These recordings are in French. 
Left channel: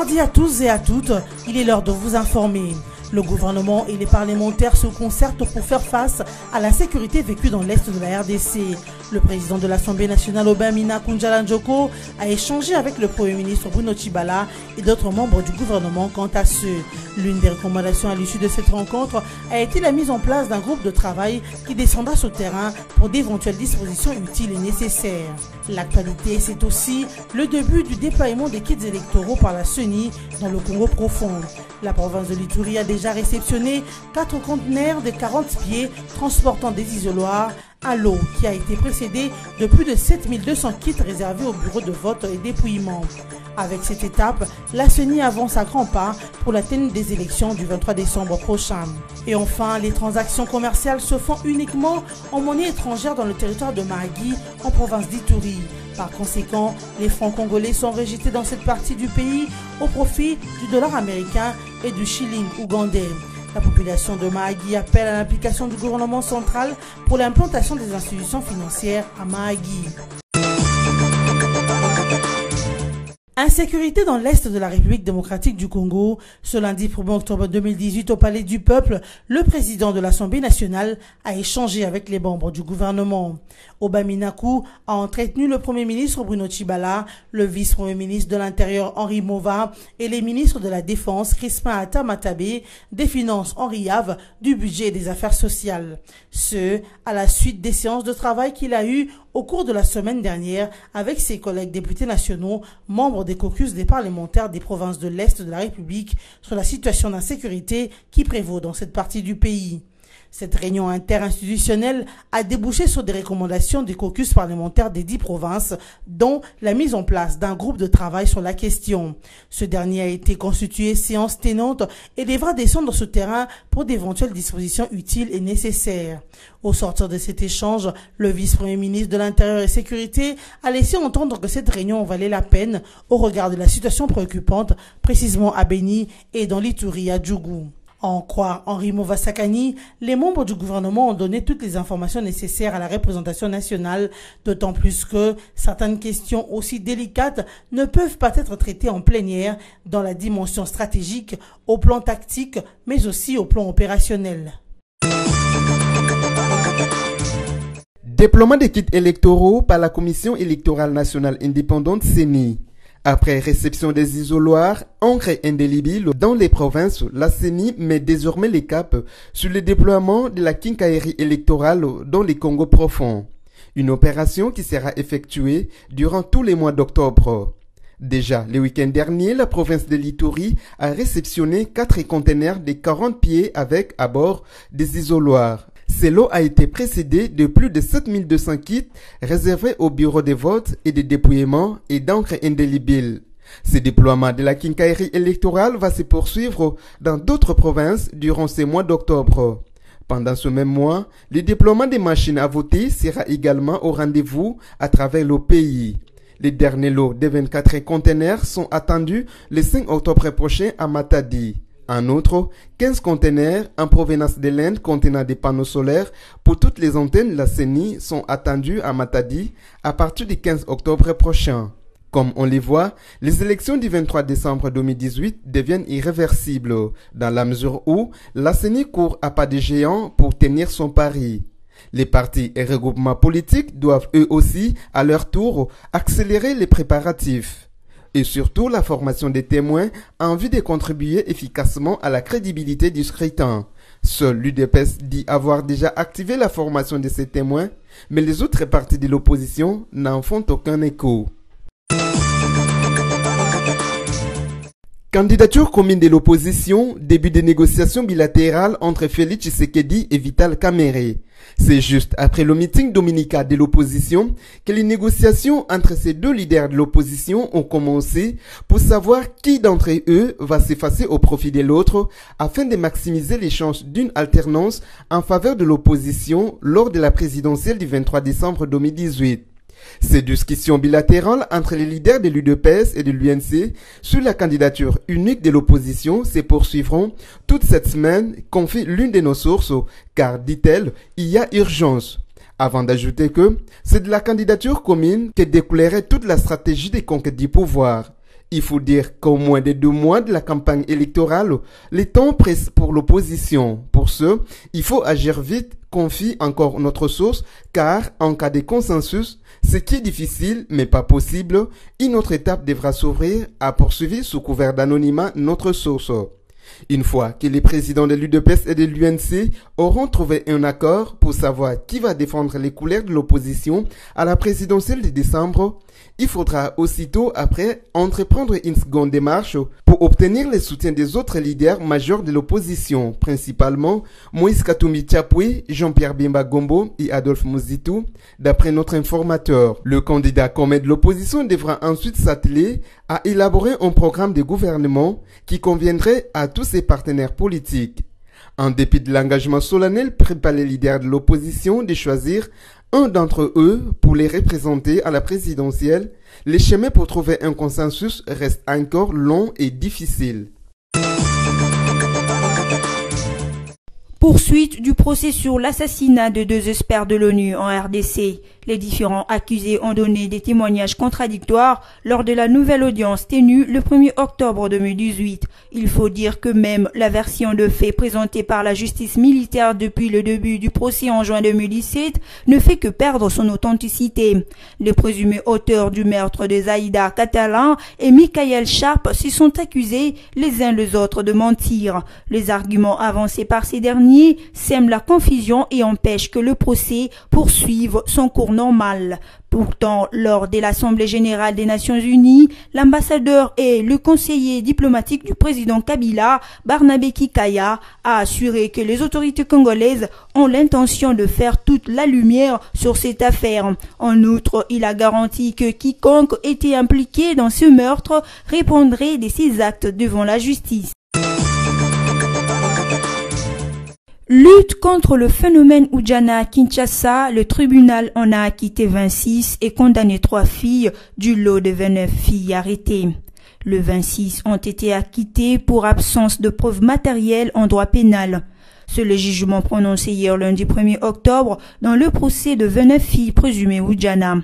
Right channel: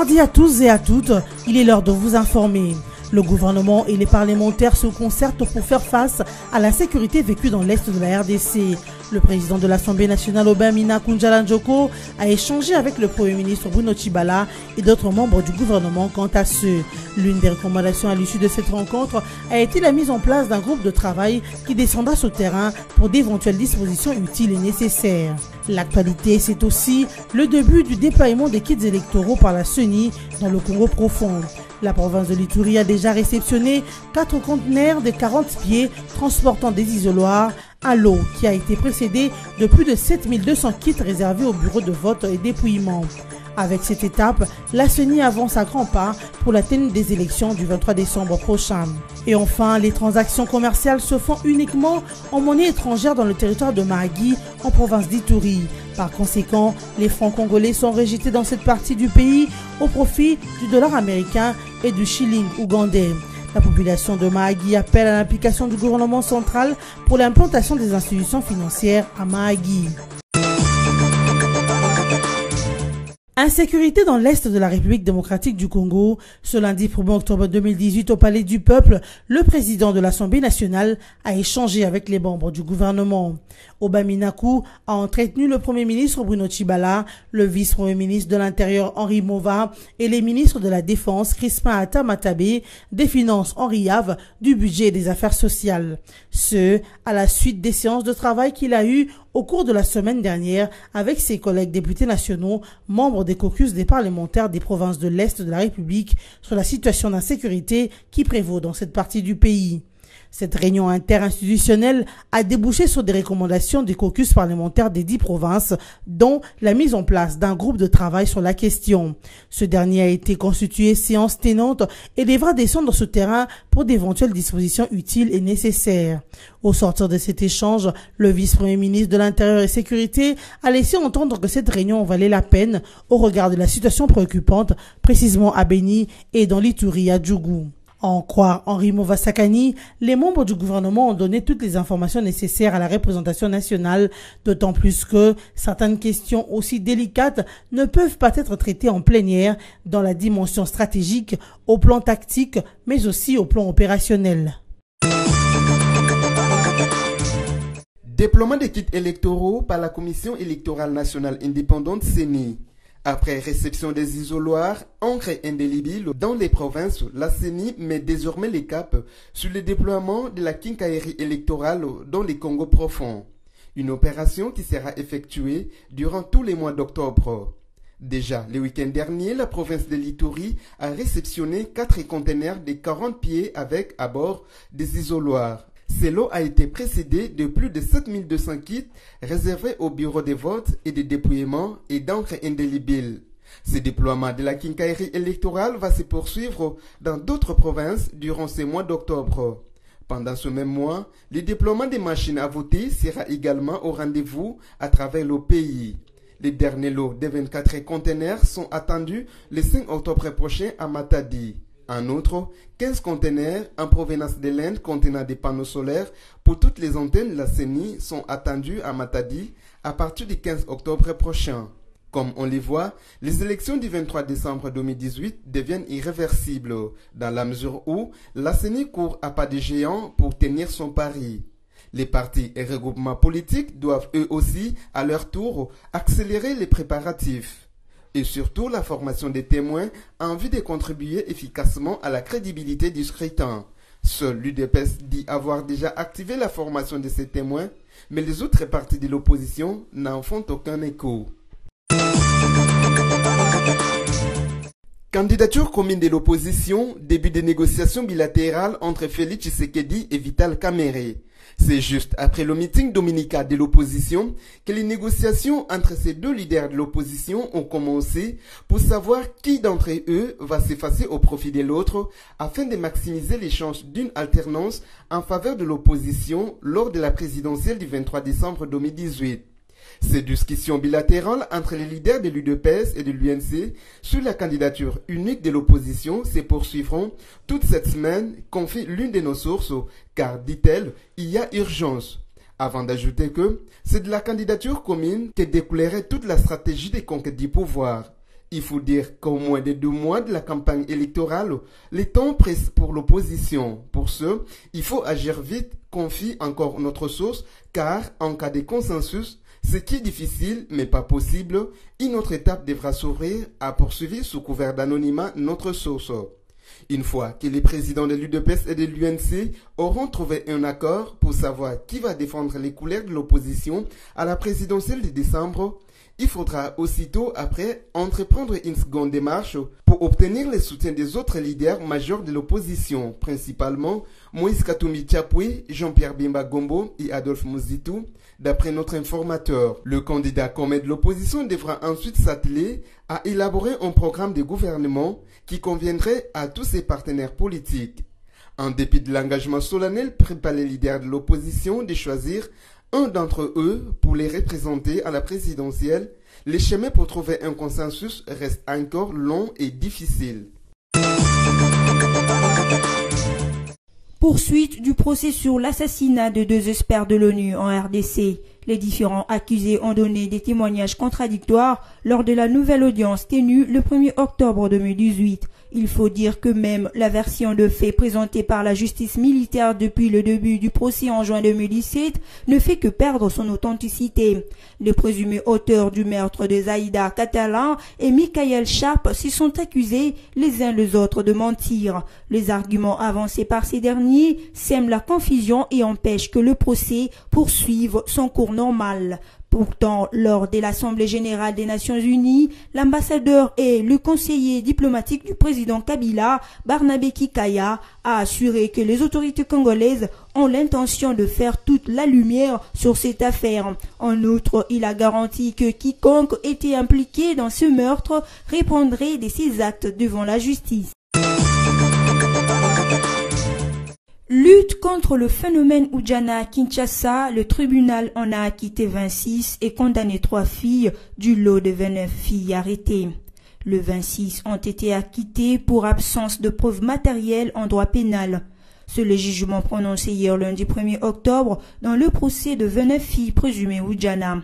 mardi à tous et à toutes, il est l'heure de vous informer. Le gouvernement et les parlementaires se concertent pour faire face à l'insécurité vécue dans l'Est de la RDC. Le président de l'Assemblée nationale, Obamina Kunjala-Njoko, a échangé avec le Premier ministre Bruno Tshibala et d'autres membres du gouvernement quant à ce. L'une des recommandations à l'issue de cette rencontre a été la mise en place d'un groupe de travail qui descendra sur le terrain pour d'éventuelles dispositions utiles et nécessaires. L'actualité, c'est aussi le début du déploiement des kits électoraux par la CENI dans le Congo profond. La province de l'Ituri a déjà réceptionné 4 conteneurs de 40 pieds transportant des isoloirs, un lot qui a été précédé de plus de 7200 kits réservés au bureau de vote et dépouillement. Avec cette étape, la CENI avance à grands pas pour la tenue des élections du 23 décembre prochain. Et enfin, les transactions commerciales se font uniquement en monnaie étrangère dans le territoire de Mahagi, en province d'Ituri. Par conséquent, les francs congolais sont rejetés dans cette partie du pays au profit du dollar américain et du shilling ougandais. La population de Mahagi appelle à l'implication du gouvernement central pour l'implantation des institutions financières à Mahagi. Insécurité dans l'Est de la République démocratique du Congo. Ce lundi 1er octobre 2018 au Palais du Peuple, le président de l'Assemblée nationale a échangé avec les membres du gouvernement. Obamina Kunjala a entretenu le Premier ministre Bruno Tshibala, le vice-premier ministre de l'Intérieur Henri Mova et les ministres de la Défense Crispin Ata-Matabé, des Finances Henri Yave, du Budget et des Affaires sociales. Ce, à la suite des séances de travail qu'il a eues au cours de la semaine dernière avec ses collègues députés nationaux, membres des caucus des parlementaires des provinces de l'Est de la République sur la situation d'insécurité qui prévaut dans cette partie du pays. Cette réunion interinstitutionnelle a débouché sur des recommandations des caucus parlementaires des 10 provinces, dont la mise en place d'un groupe de travail sur la question. Ce dernier a été constitué séance tenante et devra descendre sur terrain pour d'éventuelles dispositions utiles et nécessaires. Au sortir de cet échange, le vice-premier ministre de l'Intérieur et Sécurité a laissé entendre que cette réunion valait la peine au regard de la situation préoccupante, précisément à Beni et dans l'Ituri à Djougou. À en croire Henri Mova Sakani, les membres du gouvernement ont donné toutes les informations nécessaires à la représentation nationale, d'autant plus que certaines questions aussi délicates ne peuvent pas être traitées en plénière dans la dimension stratégique, au plan tactique, mais aussi au plan opérationnel. Déploiement des kits électoraux par la Commission électorale nationale indépendante CENI. Après réception des isoloirs, encre indélébile dans les provinces, la CENI met désormais les caps sur le déploiement de la quincaillerie électorale dans les Congo profonds. Une opération qui sera effectuée durant tous les mois d'octobre. Déjà, le week-end dernier, la province de l'Ituri a réceptionné 4 conteneurs de 40 pieds avec à bord des isoloirs. Ce lot a été précédé de plus de 7200 kits réservés au bureau de vote et de dépouillement et d'encre indélébile. Ce déploiement de la quincaillerie électorale va se poursuivre dans d'autres provinces durant ces mois d'octobre. Pendant ce même mois, le déploiement des machines à voter sera également au rendez-vous à travers le pays. Les derniers lots de 24 conteneurs sont attendus le 5 octobre prochain à Matadi. En outre, 15 conteneurs en provenance de l'Inde contenant des panneaux solaires pour toutes les antennes de la CENI sont attendus à Matadi à partir du 15 octobre prochain. Comme on les voit, les élections du 23 décembre 2018 deviennent irréversibles, dans la mesure où la CENI court à pas de géant pour tenir son pari. Les partis et regroupements politiques doivent eux aussi, à leur tour, accélérer les préparatifs. Et surtout la formation des témoins en vue de contribuer efficacement à la crédibilité du scrutin. Seul l'UDPS dit avoir déjà activé la formation de ces témoins, mais les autres partis de l'opposition n'en font aucun écho. Candidature commune de l'opposition, début des négociations bilatérales entre Félix Tshisekedi et Vital Kamerhe. C'est juste après le meeting dominical de l'opposition que les négociations entre ces deux leaders de l'opposition ont commencé pour savoir qui d'entre eux va s'effacer au profit de l'autre afin de maximiser les chances d'une alternance en faveur de l'opposition lors de la présidentielle du 23 décembre 2018. Ces discussions bilatérales entre les leaders de l'UDPS et de l'UNC sur la candidature unique de l'opposition se poursuivront toute cette semaine, confie l'une de nos sources, car, dit-elle, il y a urgence. Avant d'ajouter que c'est de la candidature commune que découlerait toute la stratégie des conquêtes du pouvoir. Il faut dire qu'au moins de 2 mois de la campagne électorale, les temps pressent pour l'opposition. Pour ce, il faut agir vite, confie encore notre source, car en cas de consensus, ce qui est difficile mais pas possible, une autre étape devra s'ouvrir, a poursuivi sous couvert d'anonymat notre source. Une fois que les présidents de l'UDPS et de l'UNC auront trouvé un accord pour savoir qui va défendre les couleurs de l'opposition à la présidentielle de décembre, il faudra aussitôt après entreprendre une seconde démarche pour obtenir le soutien des autres leaders majeurs de l'opposition, principalement Moïse Katumbi Tchapoué, Jean-Pierre Bemba Gombo et Adolphe Muzitu, d'après notre informateur. Le candidat commun de l'opposition devra ensuite s'atteler à élaborer un programme de gouvernement qui conviendrait à tous ses partenaires politiques. En dépit de l'engagement solennel pris par les leaders de l'opposition de choisir un d'entre eux pour les représenter à la présidentielle, les chemins pour trouver un consensus restent encore longs et difficiles. Poursuite du procès sur l'assassinat de 2 experts de l'ONU en RDC. Les différents accusés ont donné des témoignages contradictoires lors de la nouvelle audience tenue le 1er octobre 2018. Il faut dire que même la version de fait présentée par la justice militaire depuis le début du procès en juin 2017 ne fait que perdre son authenticité. Les présumés auteurs du meurtre de Zaïda Catalan et Michael Sharp se sont accusés les uns les autres de mentir. Les arguments avancés par ces derniers sèment la confusion et empêchent que le procès poursuive son cours normal. Pourtant, lors de l'Assemblée générale des Nations unies, l'ambassadeur et le conseiller diplomatique du président Kabila, Barnabé Kikaya, a assuré que les autorités congolaises ont l'intention de faire toute la lumière sur cette affaire. En outre, il a garanti que quiconque était impliqué dans ce meurtre répondrait de ses actes devant la justice. Lutte contre le phénomène Oudjana à Kinshasa, le tribunal en a acquitté 26 et condamné 3 filles du lot de 29 filles arrêtées. Les 26 ont été acquittées pour absence de preuves matérielles en droit pénal. C'est le jugement prononcé hier lundi 1er octobre dans le procès de 29 filles présumées Oudjana.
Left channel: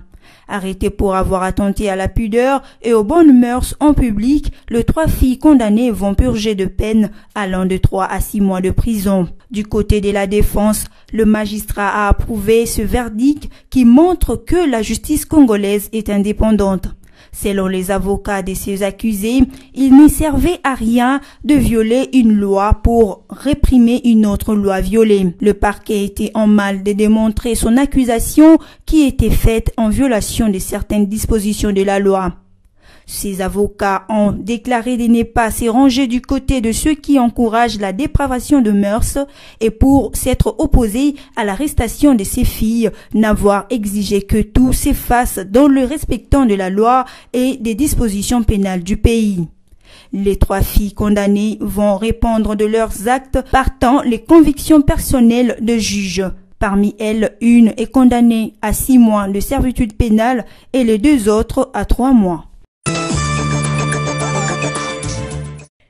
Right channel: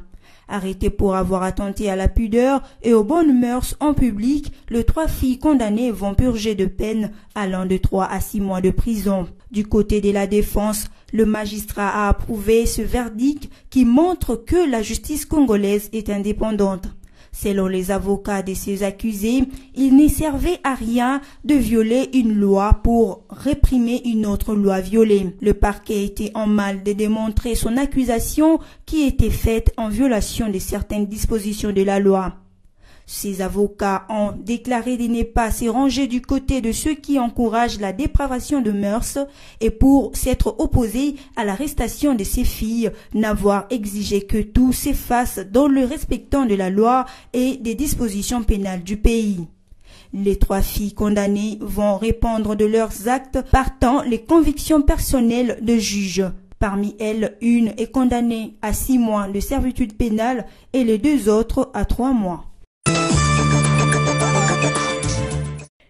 Arrêtées pour avoir attenté à la pudeur et aux bonnes mœurs en public, les 3 filles condamnées vont purger de peine allant de 3 à 6 mois de prison. Du côté de la défense, le magistrat a approuvé ce verdict qui montre que la justice congolaise est indépendante. Selon les avocats de ces accusés, il ne servait à rien de violer une loi pour réprimer une autre loi violée. Le parquet était en mal de démontrer son accusation qui était faite en violation de certaines dispositions de la loi. Ces avocats ont déclaré de ne pas se ranger du côté de ceux qui encouragent la dépravation de mœurs et pour s'être opposés à l'arrestation de ces filles, n'avoir exigé que tout s'efface dans le respectant de la loi et des dispositions pénales du pays. Les 3 filles condamnées vont répondre de leurs actes partant les convictions personnelles de juges. Parmi elles, une est condamnée à 6 mois de servitude pénale et les 2 autres à 3 mois.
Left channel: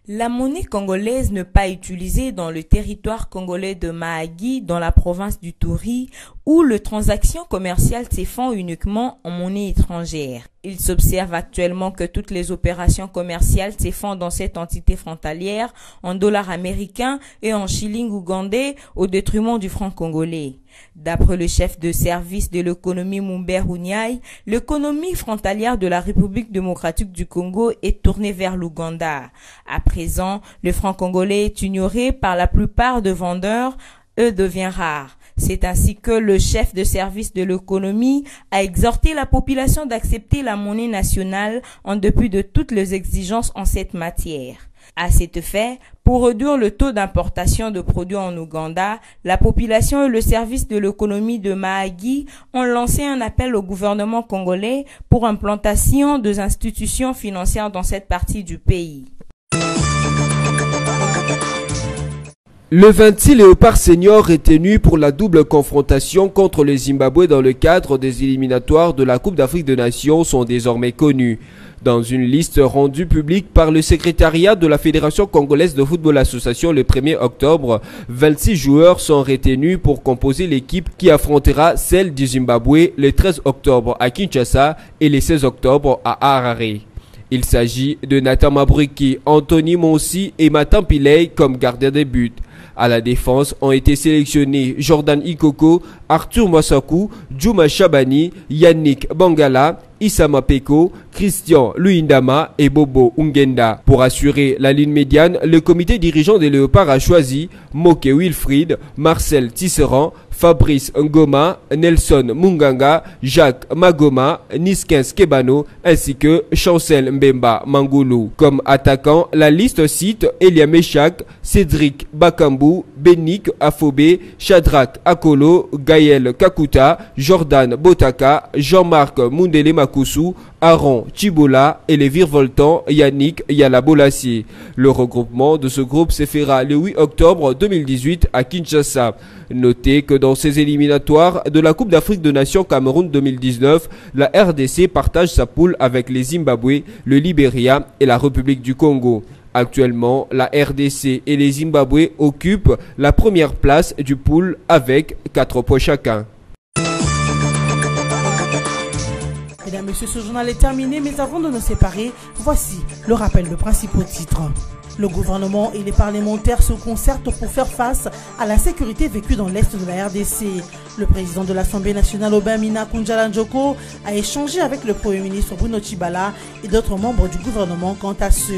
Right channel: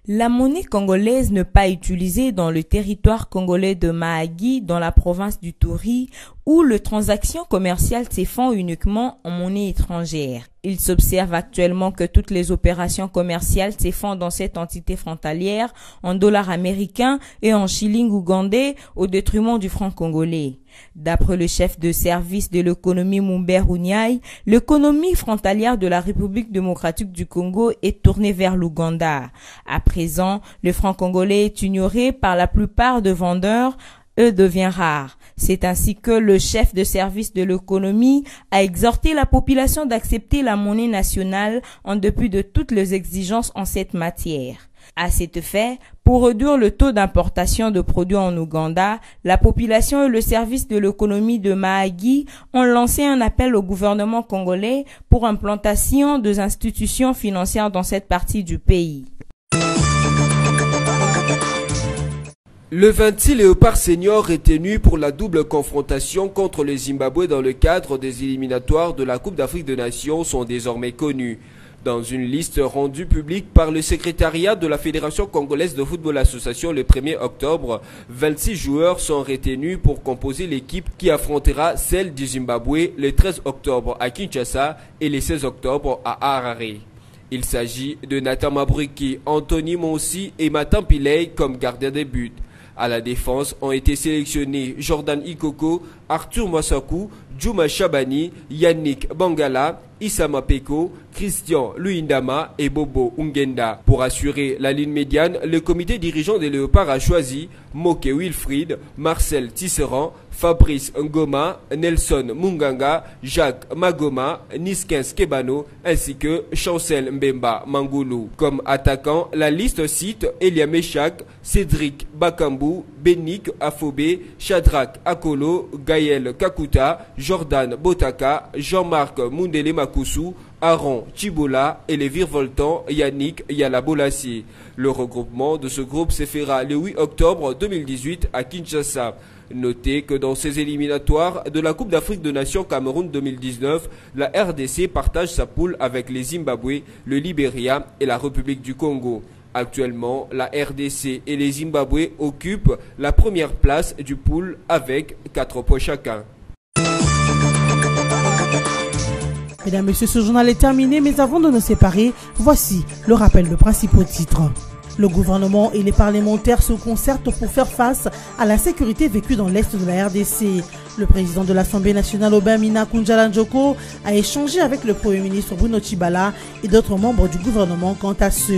La monnaie congolaise n'est pas utilisée dans le territoire congolais de Mahagi, dans la province du Touri, où les transactions commerciales se font uniquement en monnaie étrangère. Il s'observe actuellement que toutes les opérations commerciales se font dans cette entité frontalière en dollars américains et en shillings ougandais au détriment du franc congolais. D'après le chef de service de l'économie Mumbere Unyai, l'économie frontalière de la République démocratique du Congo est tournée vers l'Ouganda. À présent, le franc congolais est ignoré par la plupart des vendeurs et devient rare. C'est ainsi que le chef de service de l'économie a exhorté la population d'accepter la monnaie nationale en dépit de toutes les exigences en cette matière. À cet effet, pour réduire le taux d'importation de produits en Ouganda, la population et le service de l'économie de Mahagi ont lancé un appel au gouvernement congolais pour implantation des institutions financières dans cette partie du pays. Le 26 Léopard Senior retenu pour la double confrontation contre le Zimbabwe dans le cadre des éliminatoires de la Coupe d'Afrique des Nations sont désormais connus. Dans une liste rendue publique par le secrétariat de la Fédération congolaise de football association le 1er octobre, 26 joueurs sont retenus pour composer l'équipe qui affrontera celle du Zimbabwe le 13 octobre à Kinshasa et le 16 octobre à Harare. Il s'agit de Nathan Mabruki, Anthony Monsi et Matan Pillay comme gardiens des buts. À la défense ont été sélectionnés Jordan Ikoko, Arthur Mwasaku, Juma Chabani, Yannick Bangala, Issama Peko, Christian Luindama et Bobo Ungenda. Pour assurer la ligne médiane, le comité dirigeant des Léopards a choisi Moke Wilfried, Marcel Tisserand, Fabrice Ngoma, Nelson Munganga, Jacques Magoma, Niskens Kebano ainsi que Chancel Mbemba Mangoulou. Comme attaquant, la liste cite Elia Meshak, Cédric Bakambu, Benik Afobé, Shadrach Akolo, Gaël Kakuta, Jordan Botaka, Jean-Marc Mundele Makusu, Aaron Chibola et les virevoltants Yannick Yalabolassi. Le regroupement de ce groupe se fera le 8 octobre 2018 à Kinshasa. Notez que dans ces éliminatoires de la Coupe d'Afrique des Nations Cameroun 2019, la RDC partage sa poule avec les Zimbabwe, le Libéria et la République du Congo. Actuellement, la RDC et les Zimbabwe occupent la première place du pool avec 4 points chacun. Mesdames, Messieurs, ce journal est terminé, mais avant de nous séparer, voici le rappel de principaux titres. Le gouvernement et les parlementaires se concertent pour faire face à la sécurité vécue dans l'Est de la RDC. Le président de l'Assemblée nationale, Obamina Kunjala-Njoko, a échangé avec le Premier ministre Bruno Tshibala et d'autres membres du gouvernement quant à ce.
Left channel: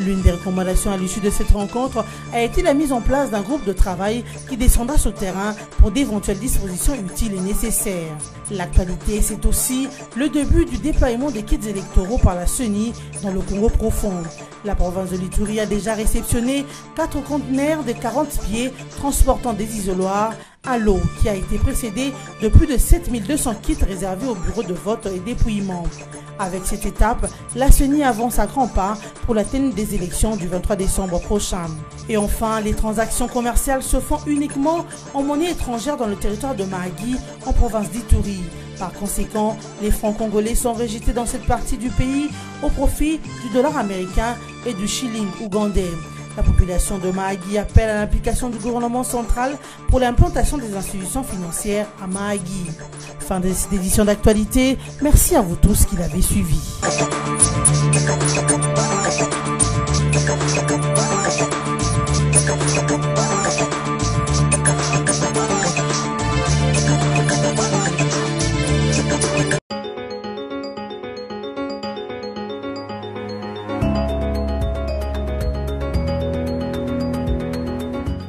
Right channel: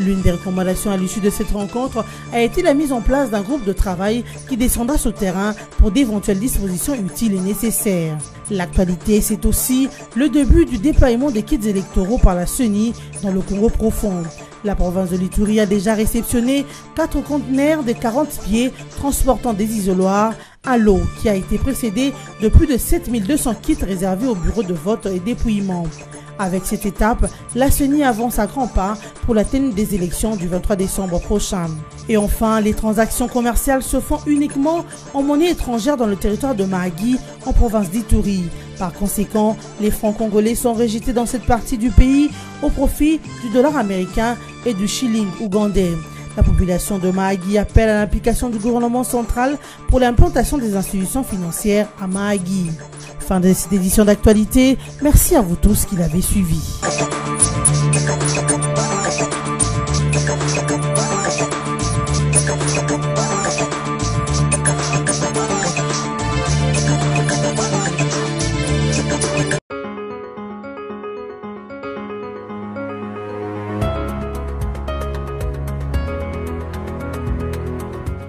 L'une des recommandations à l'issue de cette rencontre a été la mise en place d'un groupe de travail qui descendra sur le terrain pour d'éventuelles dispositions utiles et nécessaires. L'actualité, c'est aussi le début du déploiement des kits électoraux par la CENI dans le Congo profond. La province de l'Ituri a déjà réceptionné 4 conteneurs de 40 pieds transportant des isoloirs à l'eau qui a été précédé de plus de 7200 kits réservés au bureau de vote et dépouillement. Avec cette étape, la CENI avance à grands pas pour la tenue des élections du 23 décembre prochain. Et enfin, les transactions commerciales se font uniquement en monnaie étrangère dans le territoire de Mahagi, en province d'Ituri. Par conséquent, les francs congolais sont rejetés dans cette partie du pays au profit du dollar américain et du shilling ougandais. La population de Mahagi appelle à l'implication du gouvernement central pour l'implantation des institutions financières à Mahagi. Fin de cette édition d'actualité. Merci à vous tous qui l'avez suivi.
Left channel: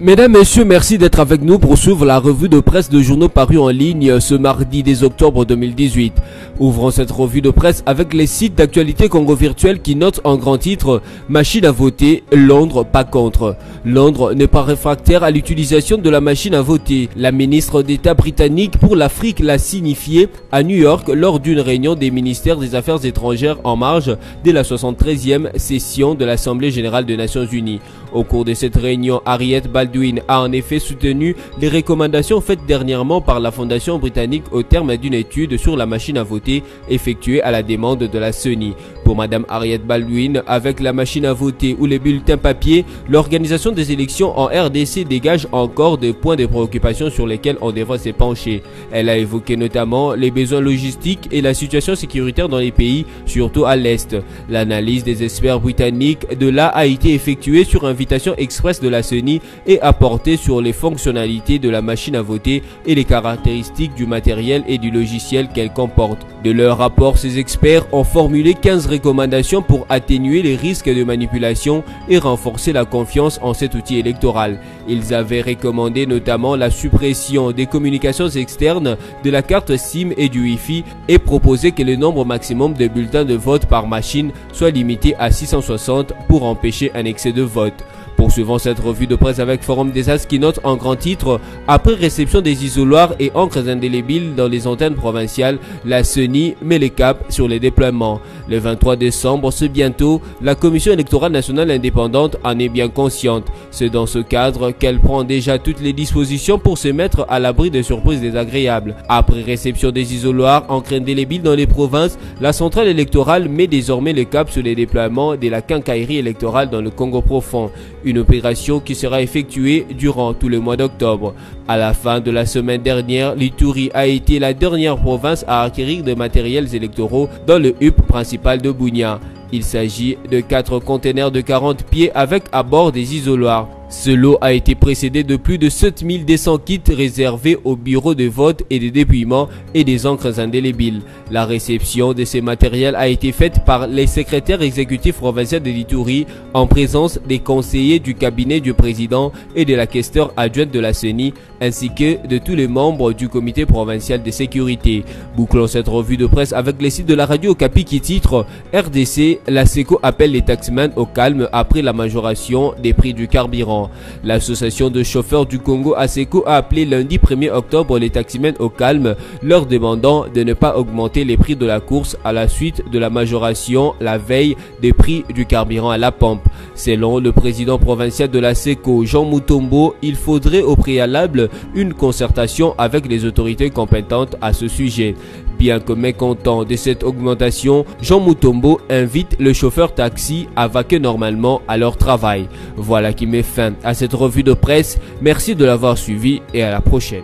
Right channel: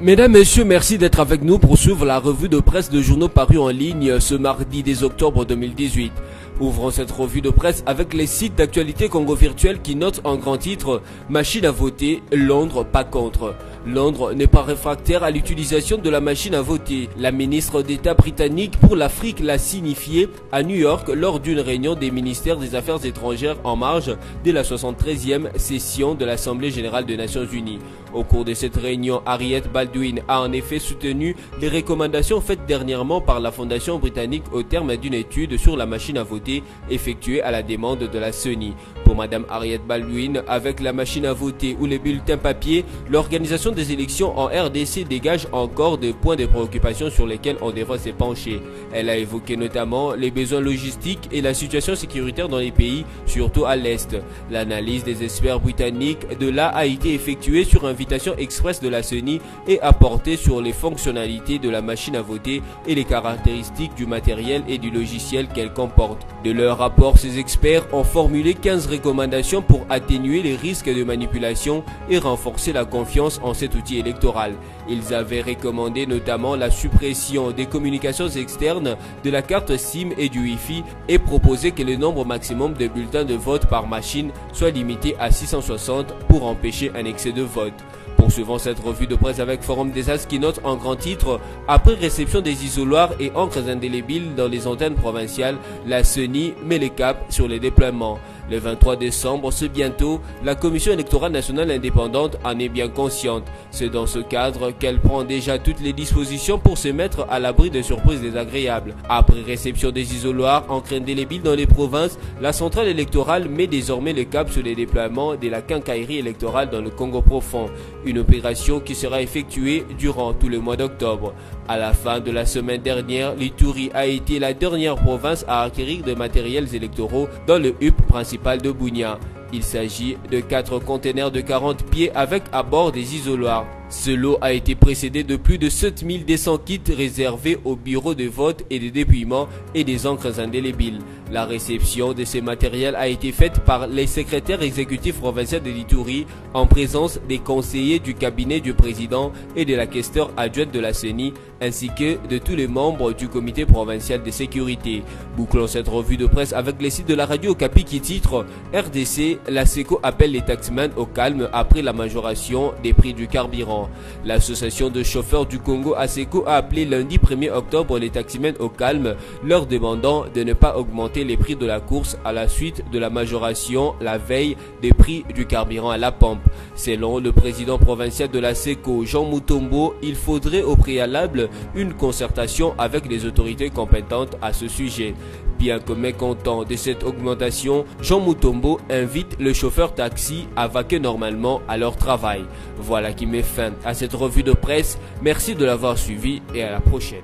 Mesdames, Messieurs, merci d'être avec nous pour suivre la revue de presse de journaux parus en ligne ce mardi 10 octobre 2018. Ouvrons cette revue de presse avec les sites d'actualité Congo Virtuel qui notent en grand titre « Machine à voter, Londres pas contre ». Londres n'est pas réfractaire à l'utilisation de la machine à voter. La ministre d'État britannique pour l'Afrique l'a signifié à New York lors d'une réunion des ministères des Affaires étrangères en marge de la 73e session de l'Assemblée générale des Nations unies. Au cours de cette réunion, Harriet Baldwin a en effet soutenu les recommandations faites dernièrement par la Fondation britannique au terme d'une étude sur la machine à voter effectuée à la demande de la CENI. Pour Madame Harriet Baldwin, avec la machine à voter ou les bulletins papier, l'organisation des élections en RDC dégage encore des points de préoccupation sur lesquels on devrait se pencher. Elle a évoqué notamment les besoins logistiques et la situation sécuritaire dans les pays, surtout à l'Est. L'analyse des experts britanniques de là a été effectuée sur invitation express de la CENI et a porté sur les fonctionnalités de la machine à voter et les caractéristiques du matériel et du logiciel qu'elle comporte. De leur rapport, ces experts ont formulé 15 recommandations pour atténuer les risques de manipulation et renforcer la confiance en cet outil électoral. Ils avaient recommandé notamment la suppression des communications externes, de la carte SIM et du Wi-Fi et proposé que le nombre maximum de bulletins de vote par machine soit limité à 660 pour empêcher un excès de vote. Poursuivons cette revue de presse avec Forum des As qui note en grand titre « Après réception des isoloirs et encres indélébiles dans les antennes provinciales, la CENI met les caps sur les déploiements. Le 23 décembre, c'est bientôt, la Commission électorale nationale indépendante en est bien consciente. C'est dans ce cadre qu'elle prend déjà toutes les dispositions pour se mettre à l'abri de surprises désagréables. Après réception des isoloirs, encres indélébiles dans les provinces, la centrale électorale met désormais le cap sur les déploiements de la quincaillerie électorale dans le Congo profond. Une opération qui sera effectuée durant tout le mois d'octobre. À la fin de la semaine dernière, l'Ituri a été la dernière province à acquérir des matériels électoraux dans le hub principal de Bunia. Il s'agit de 4 containers de 40 pieds avec à bord des isoloirs. Ce lot a été précédé de plus de 7200 kits réservés aux bureaux de vote et de dépouillement et des encres indélébiles. La réception de ces matériels a été faite par les secrétaires exécutifs provinciaux de l'Ituri en présence des conseillers du cabinet du président et de la questeur adjointe de la CENI ainsi que de tous les membres du comité provincial de sécurité. Bouclons cette revue de presse avec les sites de la radio Okapi qui titre RDC, la SECO appelle les taximans au calme après la majoration des prix du carburant. L'association de chauffeurs du Congo ASECO a appelé lundi 1er octobre les taximens au calme, leur demandant de ne pas augmenter les prix de la course à la suite de la majoration la veille des prix du carburant à la pompe. Selon le président provincial de l'ASECO, Jean Mutombo, il faudrait au préalable une concertation avec les autorités compétentes à ce sujet. Bien que mécontent de cette augmentation, Jean Mutombo invite le chauffeur taxi à vaquer normalement à leur travail. Voilà qui met fin à cette revue de presse. Merci de l'avoir suivi et à la prochaine.